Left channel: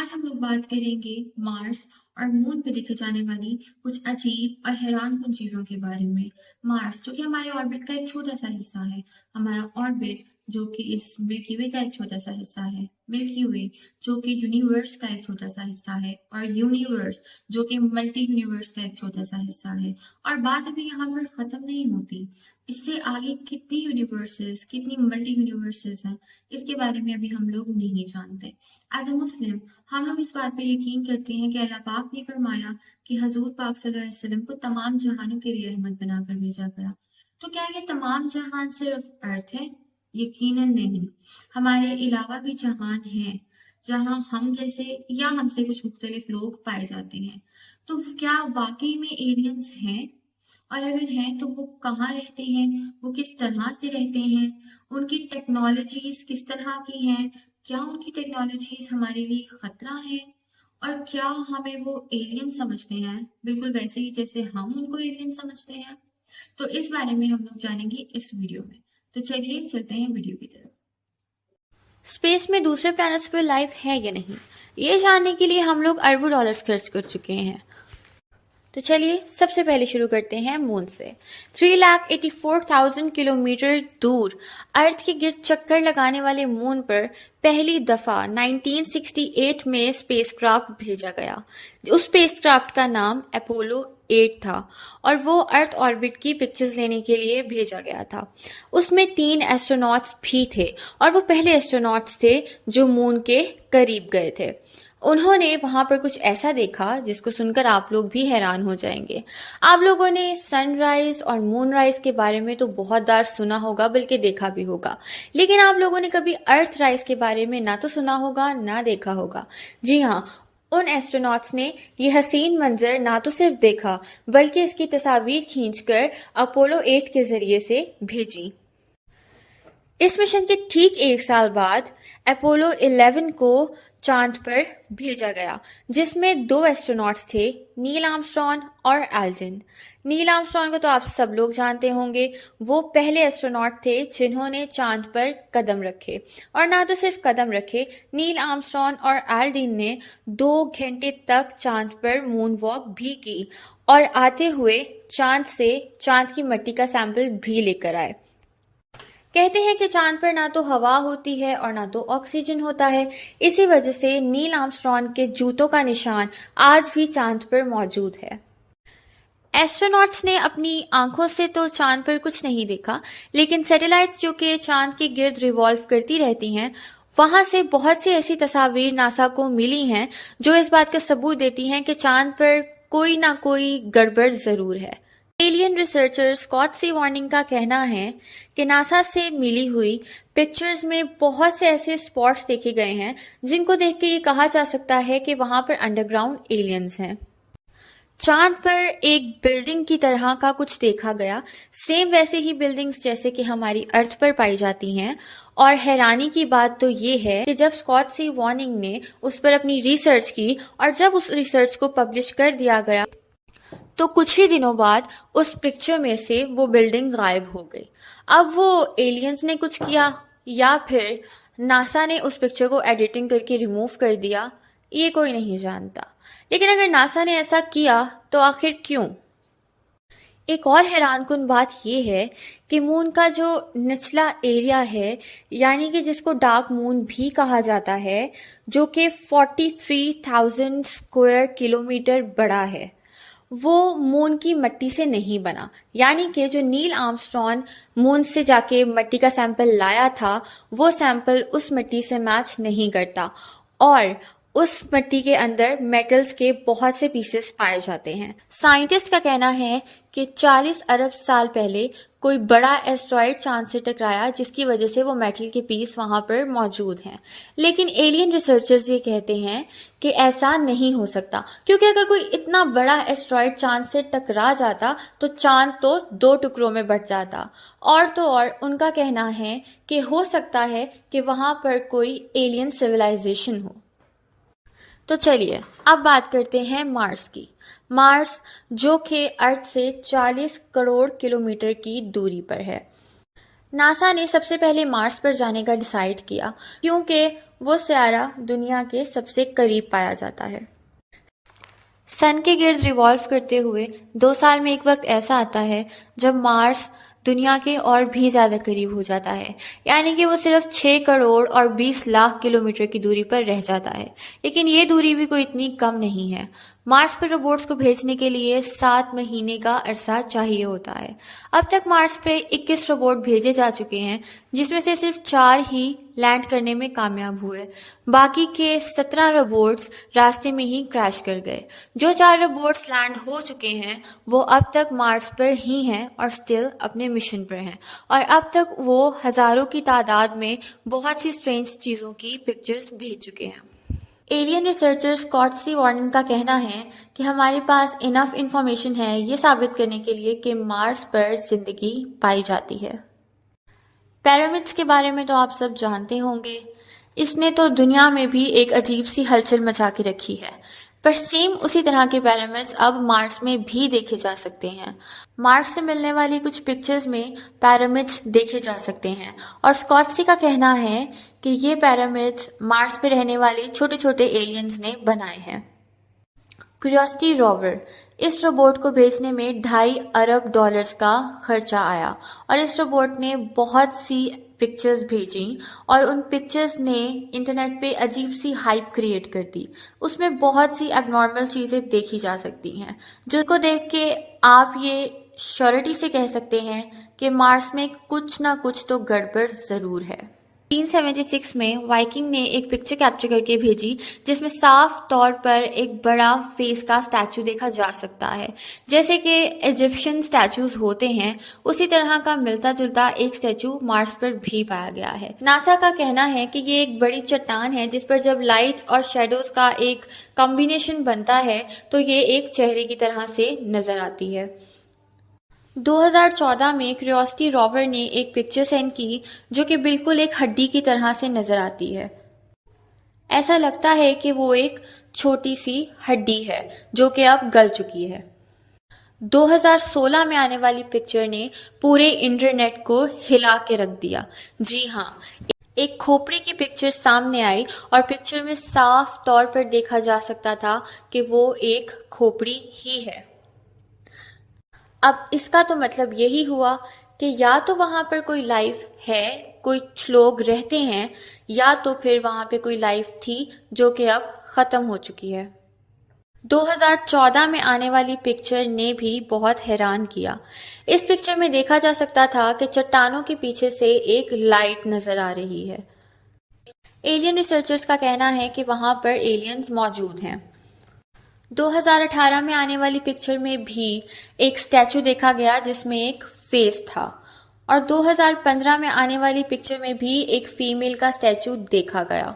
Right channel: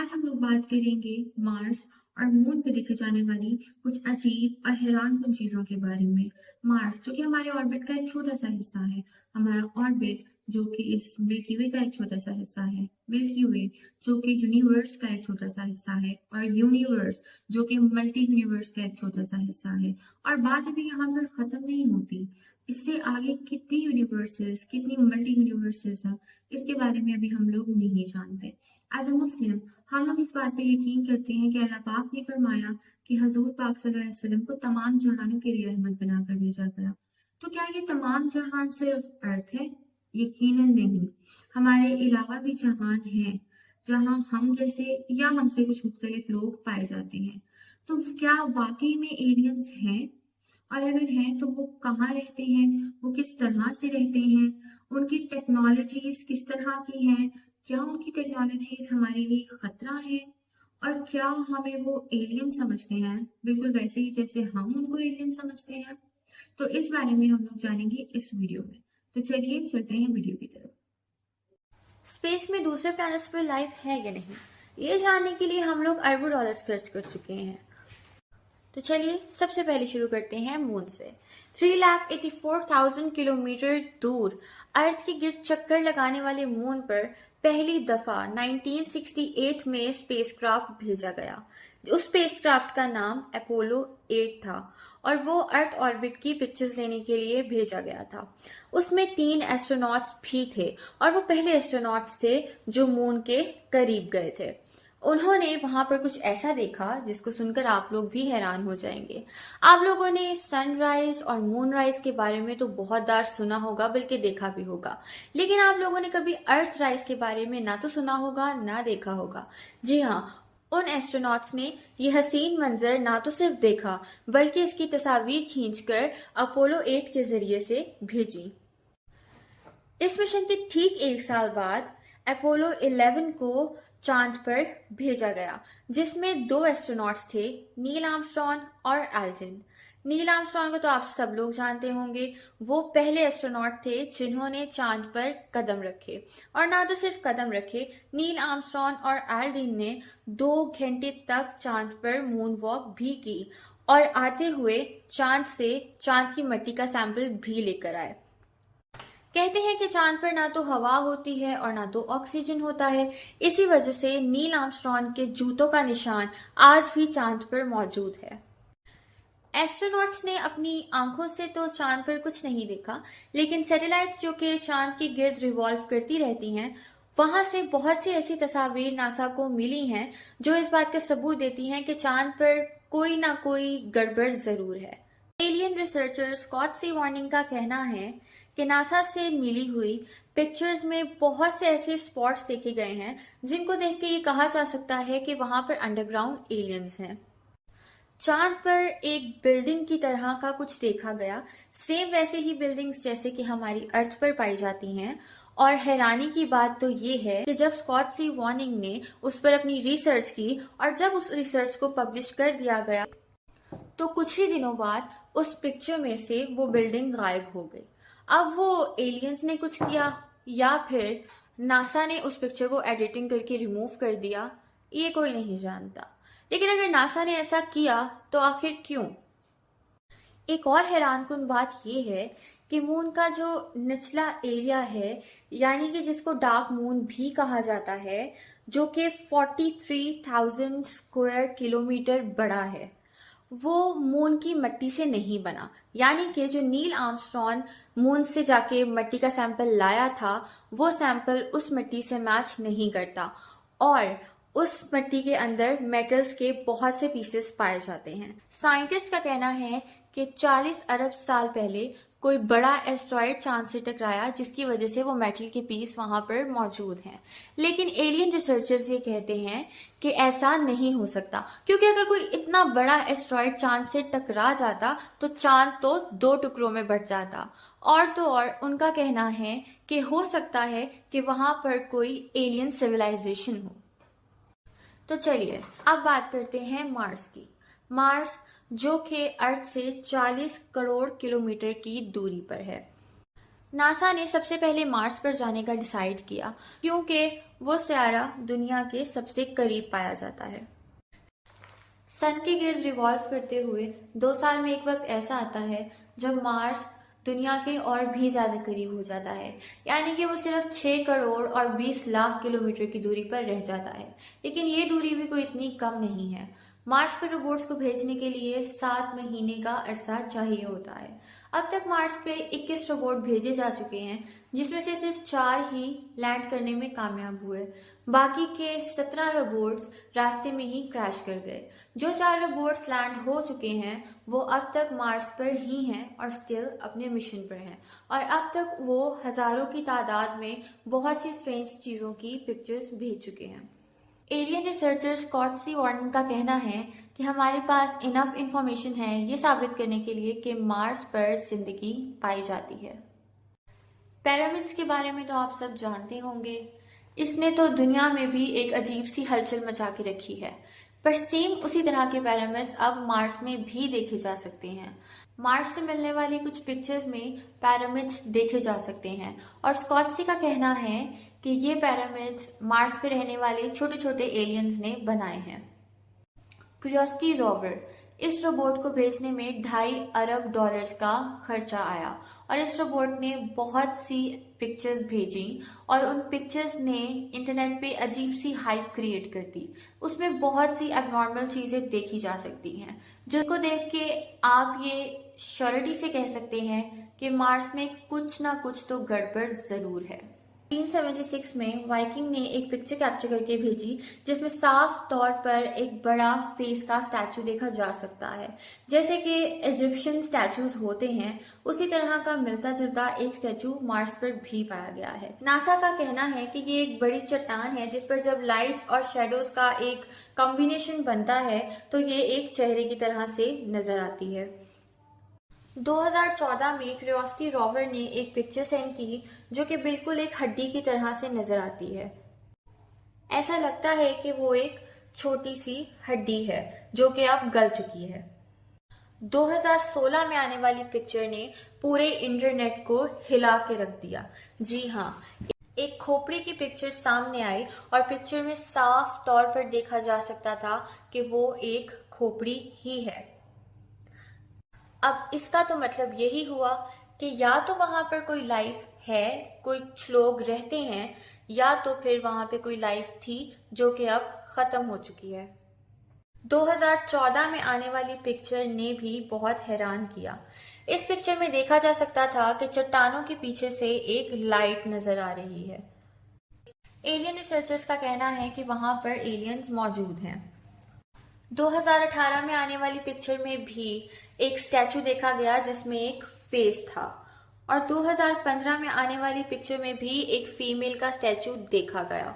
आज हम लोग बात करेंगे मार्स और मून पे देखे जाने वाली कुछ अजीब और हैरानकुन चीजों के बारे में। मार्स जो कि हमारे ऑर्बिट का एक छोटा सा हिस्सा है। हमारा ऑर्बिट जो कि इस मिल्की वे का एक छोटा सा हिस्सा है। मिल्की वे जो कि यूनिवर्स का एक छोटा सा हिस्सा है, और यूनिवर्स जो कि मल्टी यूनिवर्स का एक छोटा सा हिस्सा है। और बात भी यहाँ पर खत्म नहीं होती। इससे आगे कितनी यूनिवर्सेस, कितनी मल्टी यूनिवर्सेस हैं, इसके बारे में अभी हम लोग नहीं जानते। एज ए मुस्लिम हम लोग इस बात पर यकीन करते हैं कि अल्लाह पाक ने फरमाया कि हजूर पाक सल्लल्लाहु अलैहि वसल्लम को तमाम जहानों के लिए रहमत बनाकर भेजा गया। तो क्या ये तमाम जहान सिर्फ अर्थ है? यकीनन नहीं। हमारे अलावा भी जहान हैं जहां हम जैसे या हमसे कुछ मुख्तलिफ लोग पाए जाते हैं। तो क्या वाकई में एलियंस हैं? और अगर हैं तो वो कहाँ रहते हैं, वो किस तरह से रहते हैं, उनकी टेक्नोलॉजीज किस तरह की हैं, क्या उनकी टेक्नोलॉजीज हमारे लिए खतरा है, और क्या हमें वो एलियन समझते हैं बिल्कुल वैसे ही जैसे हम उनको एलियन समझते हैं? तो इस बारे में हम लोग जानेंगे इस वीडियो में। तो चलिए चलते हैं वीडियो की तरफ। स्पेस में दूसरे प्लैनेट्स पर लाइफ है या नहीं, ये जानने के लिए हम लोग अरबों डॉलर्स खर्च कर चुके हैं। तो चलिए सबसे पहले शुरू करते हैं मून से। 3,84,000 किलोमीटर दूर अर्थ के गिर्द चक्कर लगाने वाले मून पर पहली दफा 1968 में स्पेसक्राफ्ट भेजा गया। उस स्पेसक्राफ्ट का नाम अपोलो 8 था और वो अर्थ ऑर्बिट की पिक्चर्स लेने के लिए भेजा गया था। उसमें 3 एस्ट्रोनॉट्स भी थे और वो पहले एस्ट्रोनॉट्स थे जो मून के करीब गए थे। उन्होंने वहां पर कुछ ऐसा देखा जिसको सुनकर आप लोग भी हैरान हो जाएंगे। आप लोगों ने सनराइज और मूनराइज के बारे में तो बहुत बार सुना होगा, बल्कि देखा भी होगा, लेकिन आप लोगों ने कभी अर्थ राइज के बारे में ना तो सुना होगा ना देखा होगा। जी हाँ, उन एस्ट्रोनॉट्स ने ये हसीन मंजर ना तो सिर्फ देखा बल्कि इसकी तस्वीर खींचकर अपोलो 8 के जरिए से भेजी। इस मिशन के ठीक 1 साल बाद अपोलो 11 को चांद पर भेजा गया, जिसमें 2 एस्ट्रोनॉट्स थे, नील आर्मस्ट्रॉन्ग और एल्ड्रिन। नील आर्मस्ट्रॉन्ग को तो आप सब लोग जानते होंगे, वो पहले एस्ट्रोनॉट थे जिन्होंने चांद पर कदम रखे। और ना तो सिर्फ कदम रखे, नील आर्मस्ट्रॉन्ग और एल्ड्रिन ने 2 घंटे तक चांद पर मून वॉक भी की और आते हुए चांद से चांद की मिट्टी का सैंपल भी लेकर आए। कहते हैं कि चांद पर ना तो हवा होती है और ना तो ऑक्सीजन होता है। इसी वजह से नील आर्मस्ट्रॉन्ग के जूतों का निशान आज भी चांद पर मौजूद है। एस्ट्रोनॉट्स ने अपनी आंखों से तो चांद पर कुछ नहीं देखा, लेकिन सैटेलाइट्स जो कि चांद के गिर्द रिवॉल्व करती रहती हैं, वहां से बहुत सी ऐसी तस्वीर नासा को मिली हैं जो इस बात का सबूत देती हैं कि चांद पर कोई ना कोई गड़बड़ जरूर है। एलियन रिसर्चर स्कॉट सी वार्निंग का कहना है कि नासा से मिली हुई पिक्चर्स में बहुत से ऐसे स्पॉट्स देखे गए हैं जिनको देख के ये कहा जा सकता है कि वहां पर अंडरग्राउंड एलियंस हैं। चांद पर एक बिल्डिंग की तरह का कुछ देखा गया, सेम वैसे ही बिल्डिंग्स जैसे कि हमारी अर्थ पर पाई जाती हैं। और हैरानी की बात तो ये है कि जब स्कॉट सी वार्निंग ने उस पर अपनी रिसर्च की और जब उस रिसर्च को पब्लिश कर दिया गया तो कुछ ही दिनों बाद उस पिक्चर में से वो बिल्डिंग गायब हो गई। अब वो एलियंस ने कुछ किया या फिर नासा ने उस पिक्चर को एडिटिंग करके रिमूव कर दिया, ये कोई नहीं जानता। लेकिन अगर नासा ने ऐसा किया तो आखिर क्यों? एक और हैरानकुन बात यह है कि मून का जो निचला एरिया है, यानी कि जिसको डार्क मून भी कहा जाता है, जो कि 43,000 स्क्वायर किलोमीटर बड़ा है, वो मून की मिट्टी से नहीं बना। यानी कि जो नील आर्मस्ट्रॉन्ग मून से जाके मिट्टी का सैंपल लाया था, वो सैंपल उस मिट्टी से मैच नहीं करता और उस मिट्टी के अंदर मेटल्स के बहुत से पीसेस पाए जाते हैं। साइंटिस्ट का कहना है कि 40 अरब साल पहले कोई बड़ा एस्ट्रॉइड चांद से टकराया, जिसकी वजह से वो मेटल के पीस वहां पर मौजूद हैं। लेकिन एलियन रिसर्चर्स ये कहते हैं कि ऐसा नहीं हो सकता, क्योंकि अगर कोई इतना बड़ा एस्ट्रॉइड चांद से टकरा जाता तो चांद तो 2 टुकड़ों में बट जाता। और तो और उनका कहना है कि हो सकता है कि वहां पर कोई एलियन सिविलाइजेशन हो। तो चलिए अब बात करते हैं मार्स की। मार्स जो कि अर्थ से 40 करोड़ किलोमीटर की दूरी पर है। नासा ने सबसे पहले मार्स पर जाने का डिसाइड किया क्योंकि وہ سیارہ دنیا کے سب سے قریب پایا جاتا ہے۔ سن کے گرد ریوالو کرتے ہوئے 2 سال میں ایک وقت ایسا آتا ہے جب مارس دنیا کے اور بھی زیادہ قریب ہو جاتا ہے، یعنی کہ وہ صرف 6 کروڑ اور 20 لاکھ کلومیٹر کی دوری پر رہ جاتا ہے۔ لیکن یہ دوری بھی کوئی اتنی کم نہیں ہے۔ مارس پر روبوٹس کو بھیجنے کے لیے 7 مہینے کا عرصہ چاہیے ہوتا ہے۔ اب تک مارس پہ 21 روبوٹ بھیجے جا چکے ہیں، جس میں سے صرف 4 ہی لینڈ کرنے میں کامیاب ہوئے۔ باقی کے 17 روبوٹس راستے میں ہی کریش کر گئے۔ جو 4 روبوٹس لینڈ ہو چکے ہیں وہ اب تک مارس پر ہی ہیں اور سٹل اپنے مشن پر ہیں، اور اب تک وہ ہزاروں کی تعداد میں بہت سی سٹرینج چیزوں کی پکچرز بھیج چکے ہیں۔ ایلین ریسرچر اسکاٹ سی وارنن کا کہنا ہے کہ ہمارے پاس انف انفارمیشن ہے یہ ثابت کرنے کے لیے کہ مارس پر زندگی پائی جاتی ہے۔ پیرامڈس کے بارے میں تو آپ سب جانتے ہوں گے۔ اس نے تو دنیا میں بھی ایک عجیب سی ہلچل مچا کے رکھی ہے، پر سیم اسی طرح کے پیرامڈس اب مارس میں بھی دیکھے جا سکتے ہیں۔ مارس سے ملنے والی کچھ پکچرز میں پیرامڈس دیکھے جا سکتے ہیں، اور اسکاٹسی کا کہنا ہے کہ یہ پیرامڈس مارس پہ رہنے والے چھوٹے چھوٹے ایلینز نے بنائے ہیں۔ کیوریوسٹی روور، اس روبوٹ کو بھیجنے میں $2.5 ارب کا خرچہ آیا، اور اس روبوٹ نے بہت سی پکچرز بھیجیں، اور ان پکچرز نے انٹرنیٹ پہ عجیب سی ہائپ کریٹ کر دی۔ اس میں بہت سی اب نارمل چیزیں دیکھی جا سکتی ہیں، جس کو دیکھ کے آپ یہ شیورٹی سے کہہ سکتے ہیں کہ مارس میں کچھ نہ کچھ تو گڑبڑ ضرور ہے۔ 1976 میں وائکنگ نے ایک پکچر کیپچر کر کے بھیجی جس میں صاف طور پر ایک بڑا فیس کا سٹیچو دیکھا جا سکتا ہے، جیسے کہ ایجپشن سٹیچوز ہوتے ہیں اسی طرح کا ملتا جلتا ایک سٹیچو مارس پر بھی پایا گیا ہے۔ ناسا کا کہنا ہے کہ یہ ایک بڑی چٹان ہے جس پر جب لائٹس اور شیڈوز کا ایک کمبینیشن بنتا ہے تو یہ ایک چہرے کی طرح سے نظر آتی ہے۔ 2014 میں کیوریوسٹی روور نے ایک پکچر سینڈ کی جو کہ بالکل ایک ہڈی کی طرح سے نظر آتی ہے۔ ایسا لگتا ہے کہ وہ ایک چھوٹی سی ہڈی ہے جو کہ اب گل چکی ہے۔ 2016 میں آنے والی پکچر نے پورے انٹرنیٹ کو ہلا کے رکھ دیا۔ جی ہاں، ایک کھوپڑی کی پکچر سامنے آئی اور پکچر میں صاف طور پر دیکھا جا سکتا تھا کہ وہ ایک کھوپڑی ہی ہے۔ اب اس کا تو مطلب یہی ہوا کہ یا تو وہاں پر کوئی لائف ہے، کچھ لوگ رہتے ہیں، یا تو پھر وہاں پہ کوئی لائف تھی جو کہ اب ختم ہو چکی ہے۔ 2014 میں آنے والی پکچر نے بھی بہت حیران کیا۔ اس پکچر میں دیکھا جا سکتا تھا کہ چٹانوں کے پیچھے سے ایک لائٹ نظر آ رہی ہے۔ ایلین ریسرچرز کا کہنا ہے کہ وہاں پر ایلینز موجود ہیں۔ 2018 میں آنے والی پکچر میں بھی ایک سٹیچو دیکھا گیا جس میں ایک فیس تھا، اور 2015 میں آنے والی پکچر میں بھی ایک فیمیل کا سٹیچو دیکھا گیا۔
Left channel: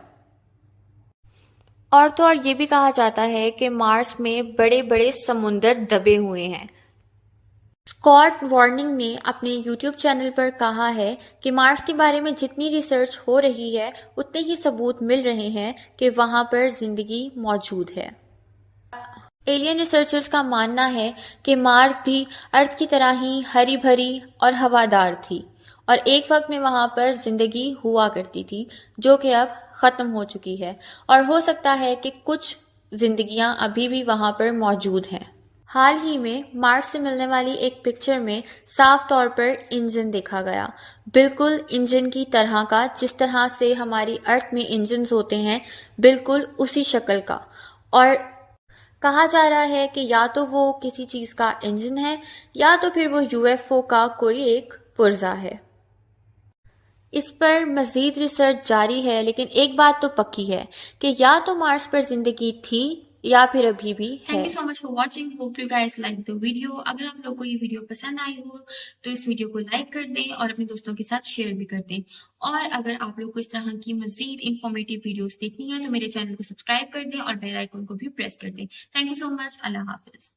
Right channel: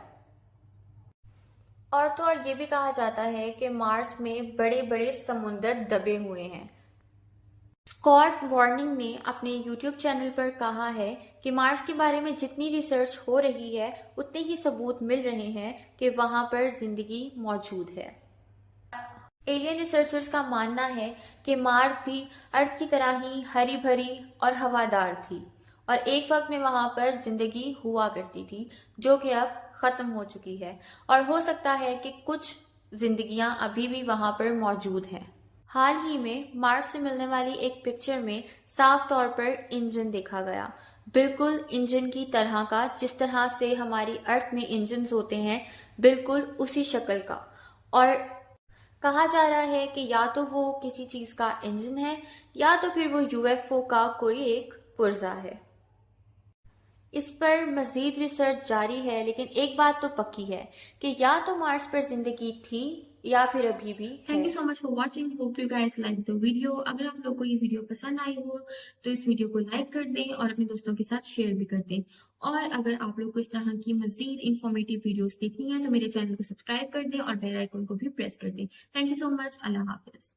اور تو اور یہ بھی کہا جاتا ہے کہ مارس میں بڑے بڑے سمندر دبے ہوئے ہیں۔ اسکاٹ وارننگ نے اپنے یوٹیوب چینل پر کہا ہے کہ مارس کے بارے میں جتنی ریسرچ ہو رہی ہے اتنے ہی ثبوت مل رہے ہیں کہ وہاں پر زندگی موجود ہے۔ ایلین ریسرچرز کا ماننا ہے کہ مارس بھی ارتھ کی طرح ہی ہری بھری اور ہوادار تھی، اور ایک وقت میں وہاں پر زندگی ہوا کرتی تھی جو کہ اب ختم ہو چکی ہے، اور ہو سکتا ہے کہ کچھ زندگیاں ابھی بھی وہاں پر موجود ہیں۔ حال ہی میں مارس سے ملنے والی ایک پکچر میں صاف طور پر انجن دیکھا گیا، بالکل انجن کی طرح کا، جس طرح سے ہماری ارتھ میں انجنز ہوتے ہیں بالکل اسی شکل کا، اور کہا جا رہا ہے کہ یا تو وہ کسی چیز کا انجن ہے یا تو پھر وہ UFO کا کوئی ایک پرزہ ہے۔ اس پر مزید ریسرچ جاری ہے، لیکن ایک بات تو پکی ہے کہ یا تو مارس پر زندگی تھی یا پھر ابھی بھی ہے۔ Thank you so much for watching. Hope you guys like the video. اگر آپ لوگ کو یہ ویڈیو پسند آئی ہو تو اس ویڈیو کو لائک کر دیں اور اپنے دوستوں کے ساتھ شیئر بھی کر دیں، اور اگر آپ لوگ کو اس طرح کی مزید انفارمیٹیو ویڈیوز دیکھنی ہے تو میرے چینل کو سبسکرائب کر دیں اور بیل آئیکن کو بھی پریس کر دیں۔ Thank you so much. اللہ حافظ۔